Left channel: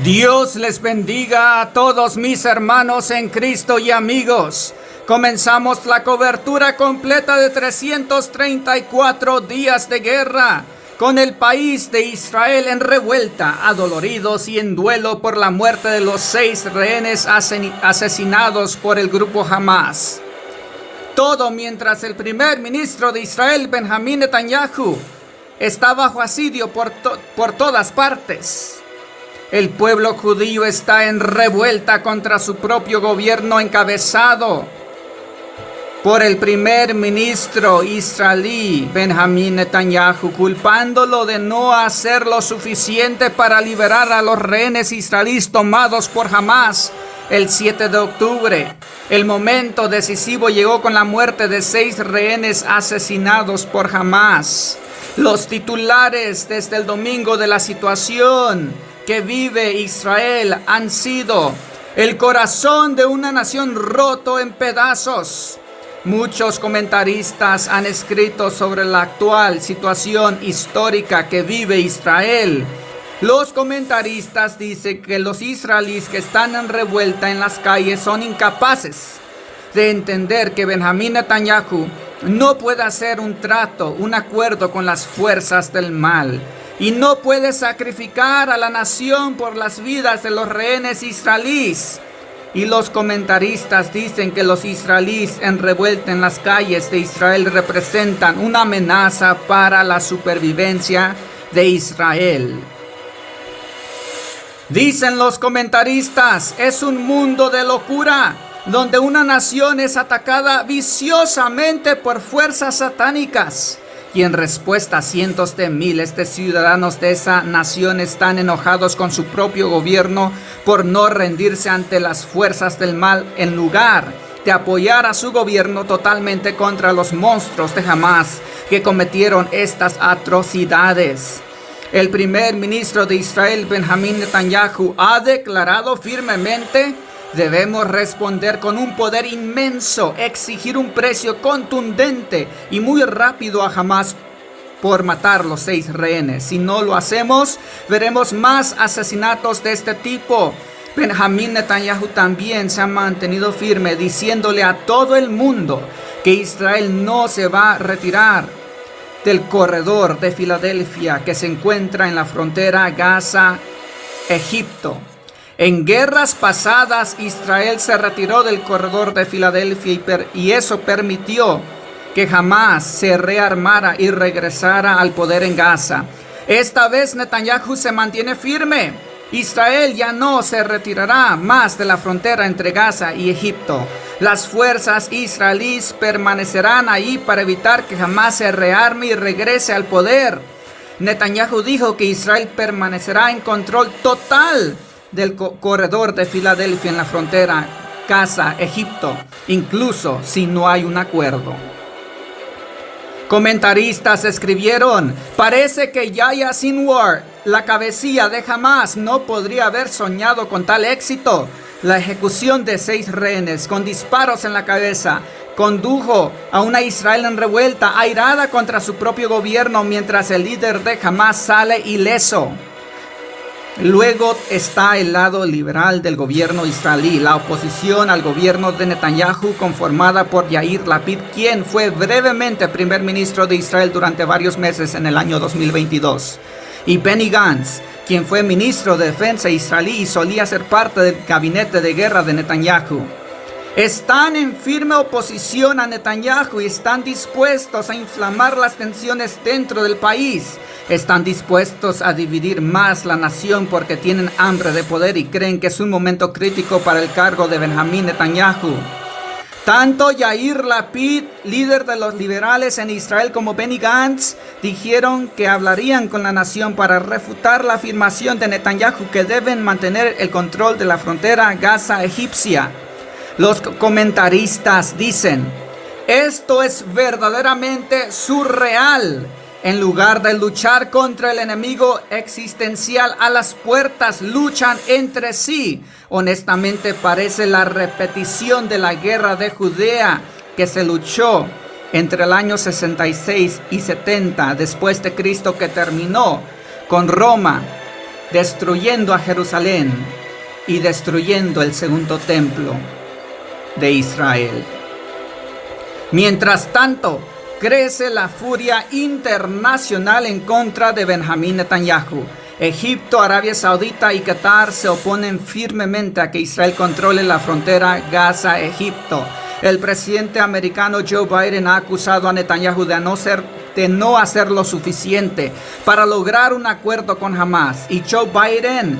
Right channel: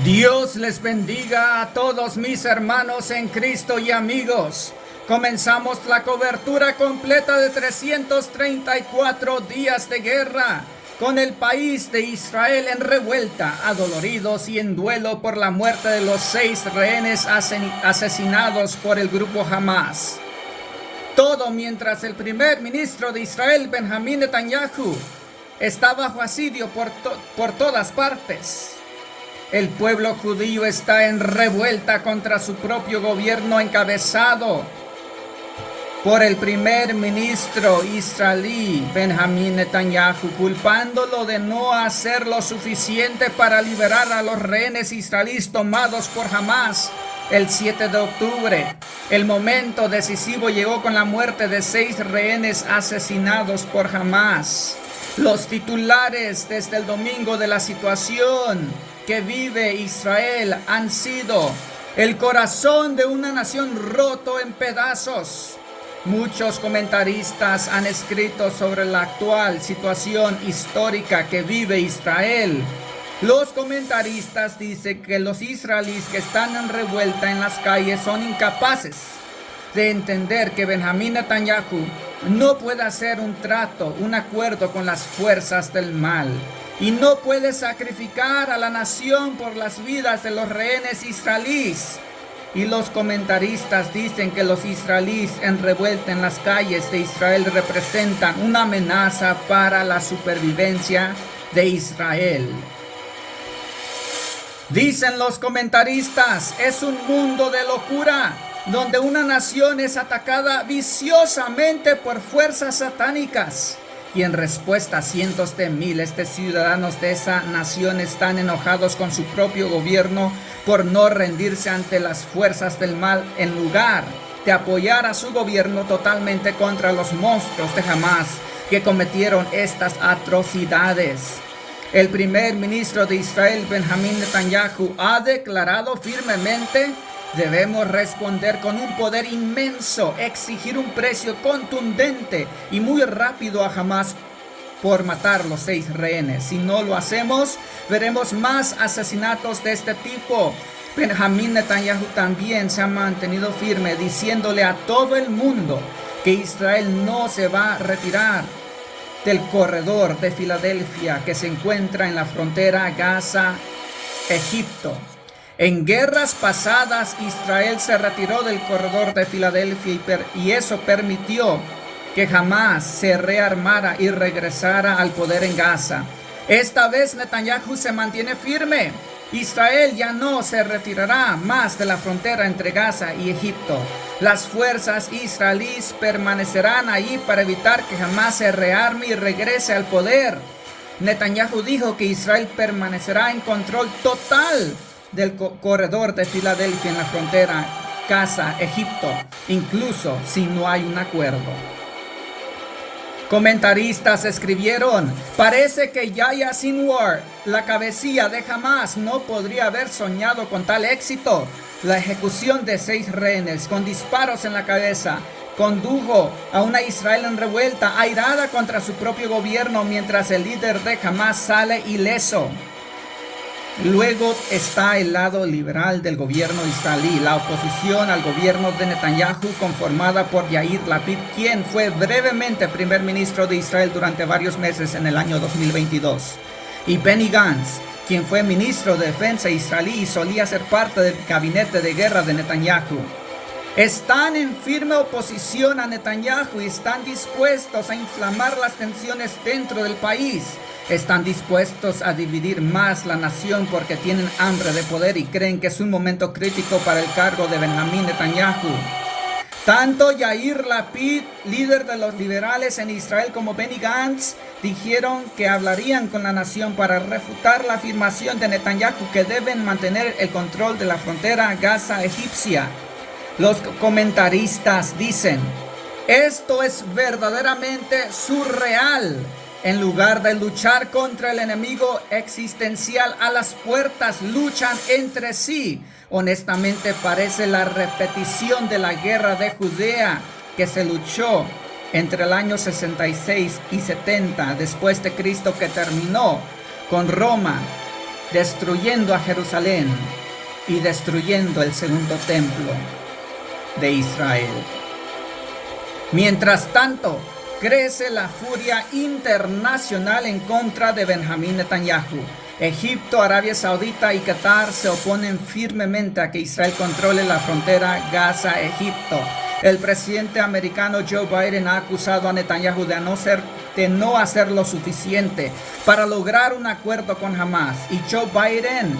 Dios les bendiga a todos mis hermanos en Cristo y amigos. Comenzamos la cobertura completa de 334 días de guerra, con el país de Israel en revuelta, adoloridos y en duelo por la muerte de los 6 rehenes asesinados por el grupo Hamas. Todo mientras el primer ministro de Israel, Benjamín Netanyahu, está bajo asedio por todas partes. El pueblo judío está en revuelta contra su propio gobierno encabezado por el primer ministro israelí Benjamín Netanyahu, culpándolo de no hacer lo suficiente para liberar a los rehenes israelíes tomados por Hamas el 7 de octubre. El momento decisivo llegó con la muerte de 6 rehenes asesinados por Hamas. Los titulares desde el domingo de la situación que vive Israel han sido: el corazón de una nación roto en pedazos. Muchos comentaristas han escrito sobre la actual situación histórica que vive Israel. Los comentaristas dicen que los israelíes que están en revuelta en las calles son incapaces de entender que Benjamín Netanyahu no puede hacer un trato, un acuerdo con las fuerzas del mal, y no puede sacrificar a la nación por las vidas de los rehenes israelíes. Y los comentaristas dicen que los israelíes en revuelta en las calles de Israel representan una amenaza para la supervivencia de Israel. Dicen los comentaristas, es un mundo de locura, donde una nación es atacada viciosamente por fuerzas satánicas. Y en respuesta, cientos de miles de ciudadanos de esa nación están enojados con su propio gobierno por no rendirse ante las fuerzas del mal, en lugar de apoyar a su gobierno totalmente contra los monstruos de Hamas que cometieron estas atrocidades. El primer ministro de Israel, Benjamín Netanyahu, ha declarado firmemente: debemos responder con un poder inmenso, exigir un precio contundente y muy rápido a Hamas por matar los 6 rehenes. Si no lo hacemos, veremos más asesinatos de este tipo. Benjamín Netanyahu también se ha mantenido firme, diciéndole a todo el mundo que Israel no se va a retirar del corredor de Filadelfia que se encuentra en la frontera Gaza-Egipto. En guerras pasadas, Israel se retiró del corredor de Filadelfia y eso permitió que Hamas se rearmara y regresara al poder en Gaza. Esta vez Netanyahu se mantiene firme. Israel ya no se retirará más de la frontera entre Gaza y Egipto. Las fuerzas israelíes permanecerán ahí para evitar que Hamas se rearme y regrese al poder. Netanyahu dijo que Israel permanecerá en control total del corredor de Filadelfia en la frontera Gaza-Egipto, incluso si no hay un acuerdo. Comentaristas escribieron: parece que Yahya Sinwar, la cabecilla de Hamas, no podría haber soñado con tal éxito. La ejecución de 6 rehenes con disparos en la cabeza condujo a una Israel en revuelta, airada contra su propio gobierno, mientras el líder de Hamas sale ileso. Luego está el lado liberal del gobierno israelí, la oposición al gobierno de Netanyahu, conformada por Yair Lapid, quien fue brevemente primer ministro de Israel durante varios meses en el año 2022, y Benny Gantz, quien fue ministro de defensa israelí y solía ser parte del gabinete de guerra de Netanyahu. Están en firme oposición a Netanyahu y están dispuestos a inflamar las tensiones dentro del país. Están dispuestos a dividir más la nación porque tienen hambre de poder y creen que es un momento crítico para el cargo de Benjamín Netanyahu. Tanto Yair Lapid, líder de los liberales en Israel, como Benny Gantz dijeron que hablarían con la nación para refutar la afirmación de Netanyahu que deben mantener el control de la frontera Gaza-egipcia. Los comentaristas dicen: esto es verdaderamente surreal. En lugar de luchar contra el enemigo existencial a las puertas, luchan entre sí. Honestamente, parece la repetición de la guerra de Judea que se luchó entre el año 66 y 70 después de Cristo, que terminó con Roma destruyendo a Jerusalén y destruyendo el segundo templo de Israel. Mientras tanto, crece la furia internacional en contra de Benjamín Netanyahu. Egipto, Arabia Saudita y Qatar se oponen firmemente a que Israel controle la frontera Gaza-Egipto. El presidente americano Joe Biden ha acusado a Netanyahu de no hacer lo suficiente para lograr un acuerdo con Hamas. Y Joe Biden,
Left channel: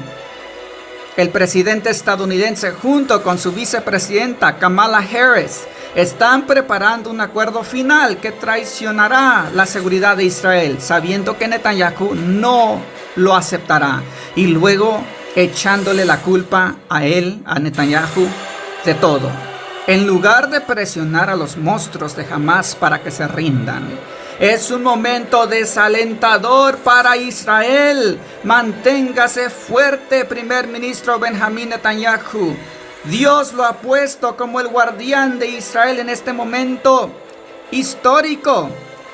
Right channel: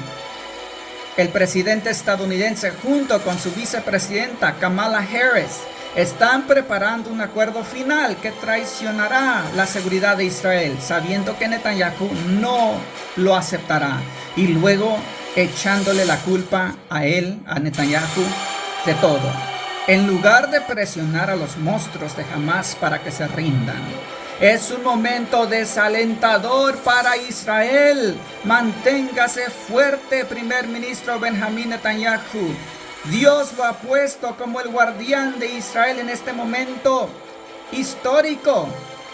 el presidente estadounidense, junto con su vicepresidenta Kamala Harris, están preparando un acuerdo final que traicionará la seguridad de Israel, sabiendo que Netanyahu no lo aceptará, y luego echándole la culpa a él, a Netanyahu, de todo, en lugar de presionar a los monstruos de Hamas para que se rindan. Es un momento desalentador para Israel. Manténgase fuerte, primer ministro Benjamín Netanyahu. Dios lo ha puesto como el guardián de Israel en este momento histórico,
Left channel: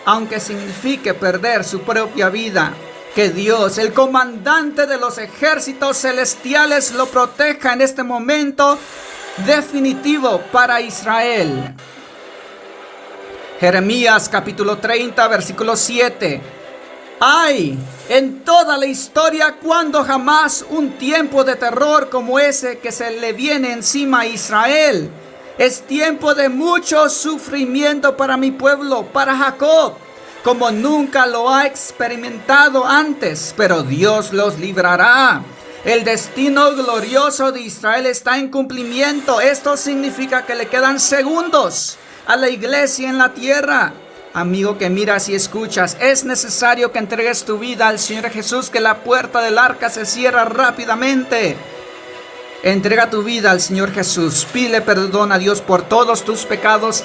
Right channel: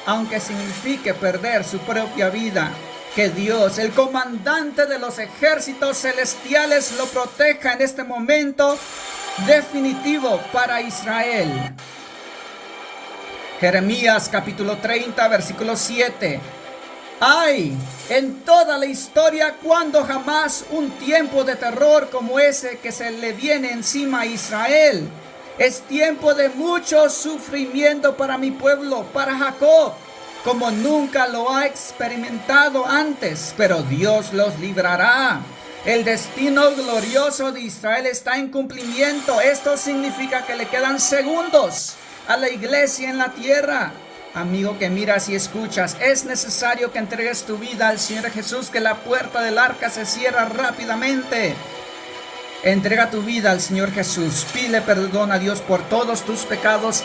aunque signifique perder su propia vida. Que Dios, el comandante de los ejércitos celestiales, lo proteja en este momento definitivo para Israel. Jeremías capítulo 30, versículo 7. Hay en toda la historia cuando jamás un tiempo de terror como ese que se le viene encima a Israel. Es tiempo de mucho sufrimiento para mi pueblo, para Jacob, como nunca lo ha experimentado antes, pero Dios los librará. El destino glorioso de Israel está en cumplimiento. Esto significa que le quedan segundos a la iglesia en la tierra. Amigo que miras y escuchas, es necesario que entregues tu vida al Señor Jesús, que la puerta del arca se cierra rápidamente. Entrega tu vida al Señor Jesús, pide perdón a Dios por todos tus pecados.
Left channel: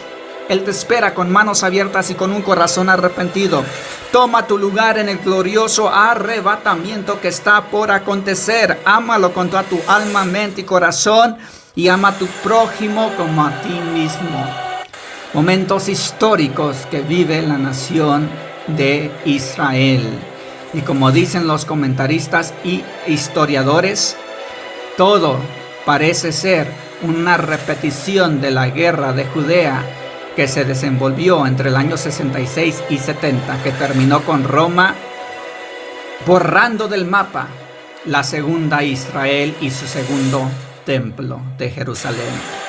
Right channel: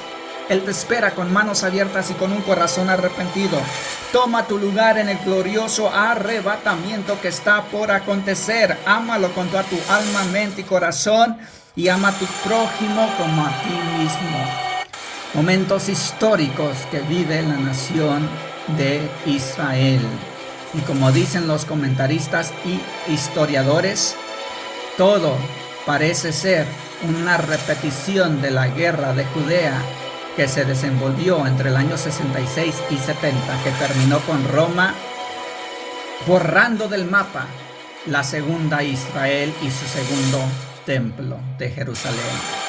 Él te espera con manos abiertas y con un corazón arrepentido. Toma tu lugar en el glorioso arrebatamiento que está por acontecer. Ámalo con toda tu alma, mente y corazón, y ama a tu prójimo como a ti mismo. Momentos históricos que vive la nación de Israel. Y como dicen los comentaristas y historiadores, todo parece ser una repetición de la guerra de Judea que se desenvolvió entre el año 66 y 70, que terminó con Roma borrando del mapa la segunda Israel y su segundo templo de Jerusalén.